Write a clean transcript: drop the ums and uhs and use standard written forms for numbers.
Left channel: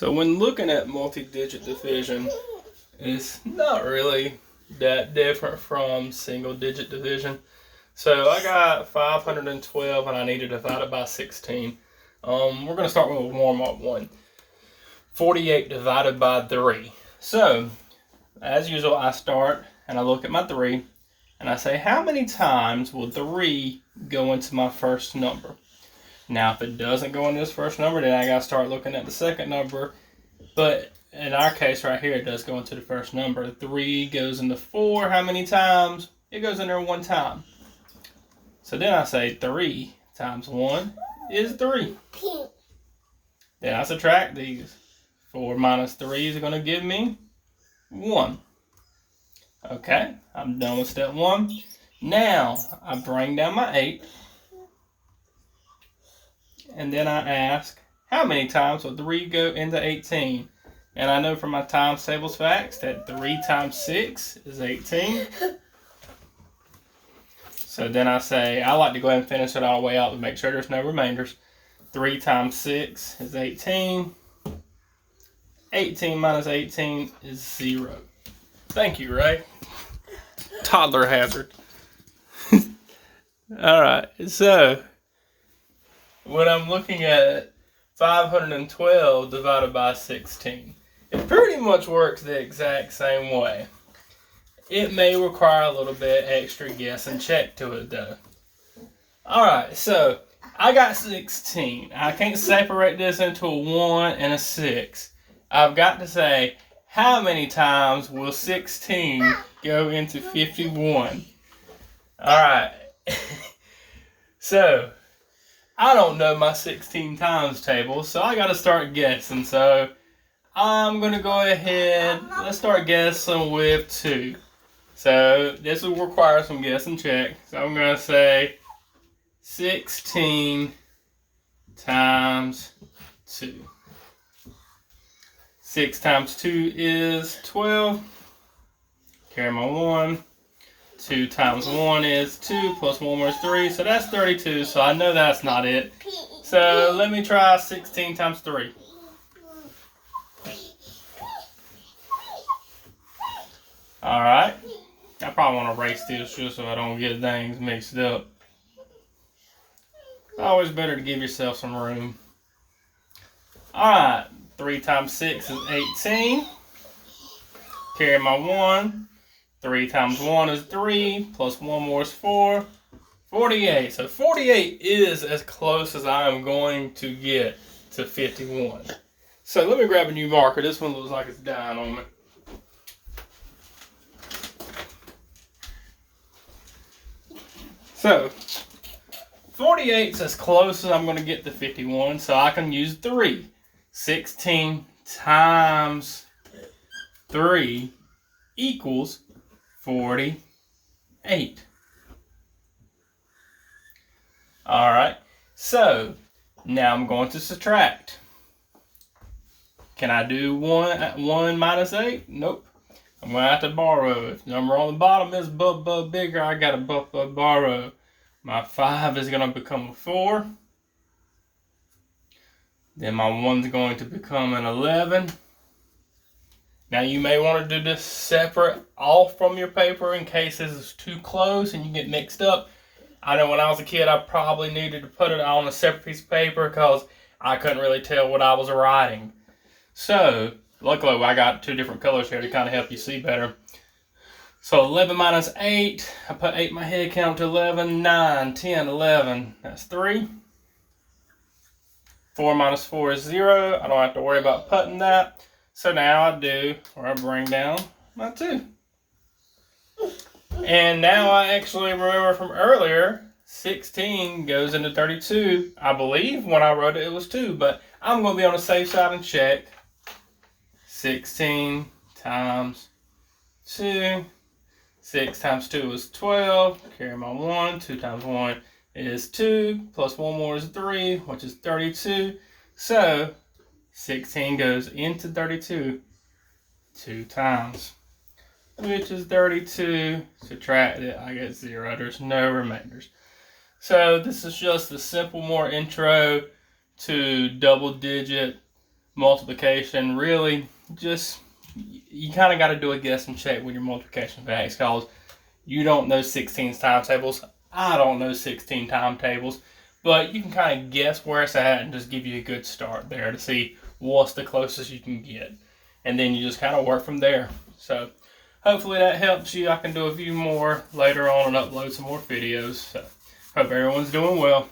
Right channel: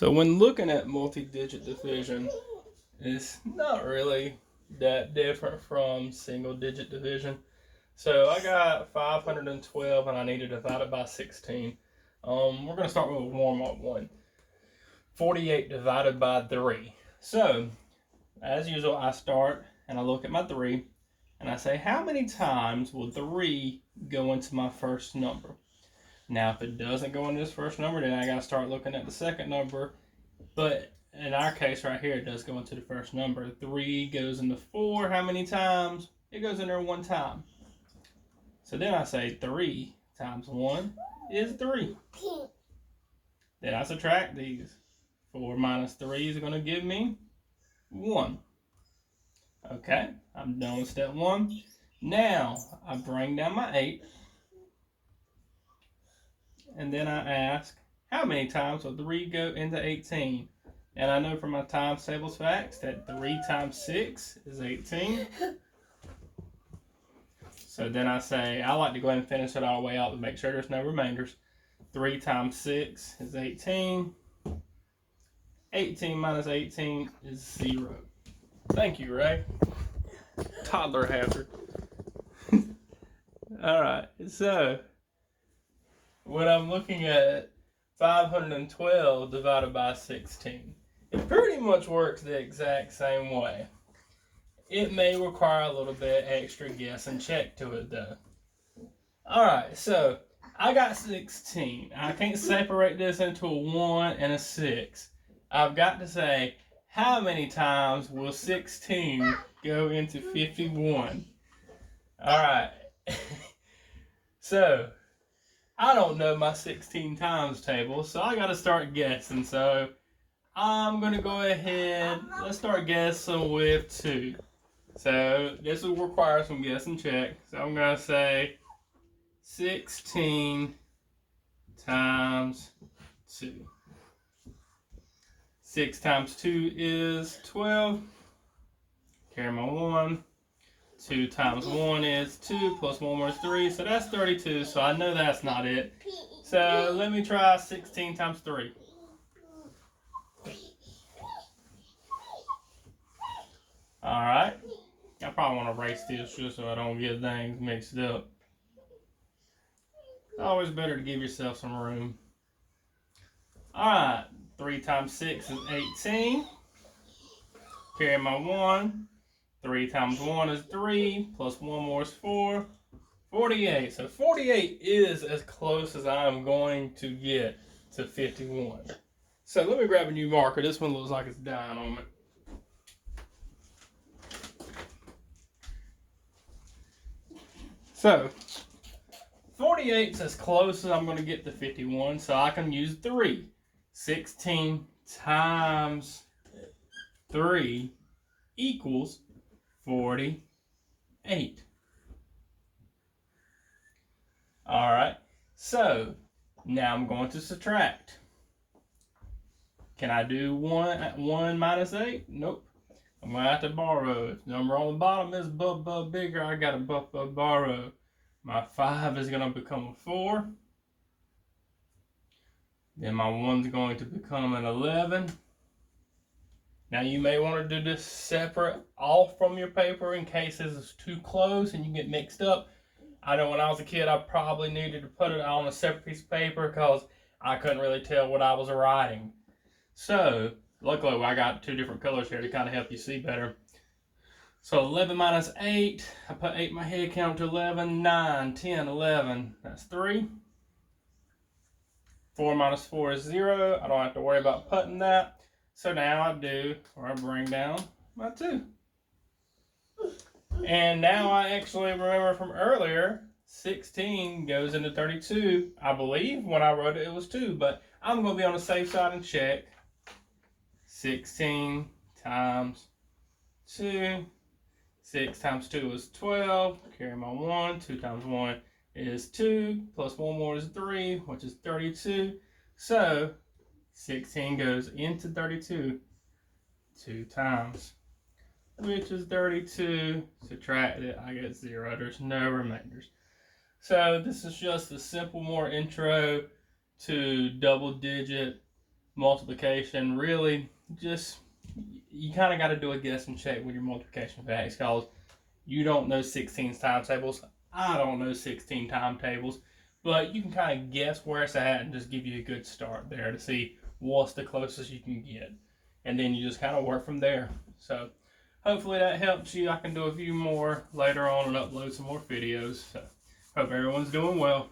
So when looking at multi-digit division, it's not really that different from single-digit division. So I got 512 and I need to divide it by 16. We're going to start with a warm-up one. 48 divided by 3. So, as usual, I start and I look at my 3 and I say, how many times will 3 go into my first number? Now, if it doesn't go into this first number, then I got to start looking at the second number. But in our case right here, it does go into the first number. 3 goes into 4. How many times? It goes in there 1 time. So then I say 3 times 1 is 3. Then I subtract these. 4 minus 3 is going to give me 1. Okay, I'm done with step 1. Now, I bring down my 8. And then I ask, how many times will 3 go into 18? And I know from my times tables facts that 3 times 6 is 18. So then I say, I like to go ahead and finish it all the way out to make sure there's no remainders. 3 times 6 is 18. 18 minus 18 is 0. Thank you, Ray. Toddler hazard. Alright, so when I'm looking at 512 divided by 16, it pretty much works the exact same way. It may require a little bit extra guess and check to it though. Alright, so I got 16. I can't separate this into a 1 and a 6. I've got to say, how many times will 16 go into 51? Alright. So, I don't know my 16 times table, so I got to start guessing. So, I'm going to go ahead, let's start guessing with 2. So, this will require some guess and check. So, I'm going to say 16 times 2. 6 times 2 is 12. Carry my 1. 2 times 1 is 2, plus 1 more is 3, so that's 32, so I know that's not it. So let me try 16 times 3. Alright. I probably want to erase this just so I don't get things mixed up. Always better to give yourself some room. Alright. 3 times 6 is 18. Carry my 1. 3 times 1 is 3, plus 1 more is 4. 48. So 48 is as close as I'm going to get to 51. So let me grab a new marker. This one looks like it's dying on me. So 48 is as close as I'm going to get to 51, so I can use 3. 16 times 3 equals 48. Alright, so now I'm going to subtract. Can I do 1 minus 8? Nope. I'm going to have to borrow. If the number on the bottom is bigger, I got to borrow. My 5 is going to become a 4. Then my 1's going to become an 11. Now you may want to do this separate off from your paper in case this is too close and you get mixed up. I know when I was a kid I probably needed to put it on a separate piece of paper because I couldn't really tell what I was writing. So, luckily I got 2 different colors here to kind of help you see better. So 11 minus 8, I put 8 in my head, count to 11, 9, 10, 11, that's 3. 4 minus 4 is 0, I don't have to worry about putting that. So now I do, or I bring down my 2. And now I actually remember from earlier, 16 goes into 32. I believe when I wrote it, it was 2, but I'm going to be on the safe side and check. 16 times 2. 6 times 2 is 12. Carry my 1. 2 times 1 is 2. Plus 1 more is 3, which is 32. So 16 goes into 32 2 times, which is 32. Subtract it, I get 0. There's no remainders. So this is just a simple more intro to double digit multiplication, really just, you kind of got to do a guess and check with your multiplication facts, because you don't know 16 timetables. I don't know 16 timetables, but you can kind of guess where it's at and just give you a good start there to see what's the closest you can get. And then you just kind of work from there. So hopefully that helps you. I can do a few more later on and upload some more videos. So hope everyone's doing well.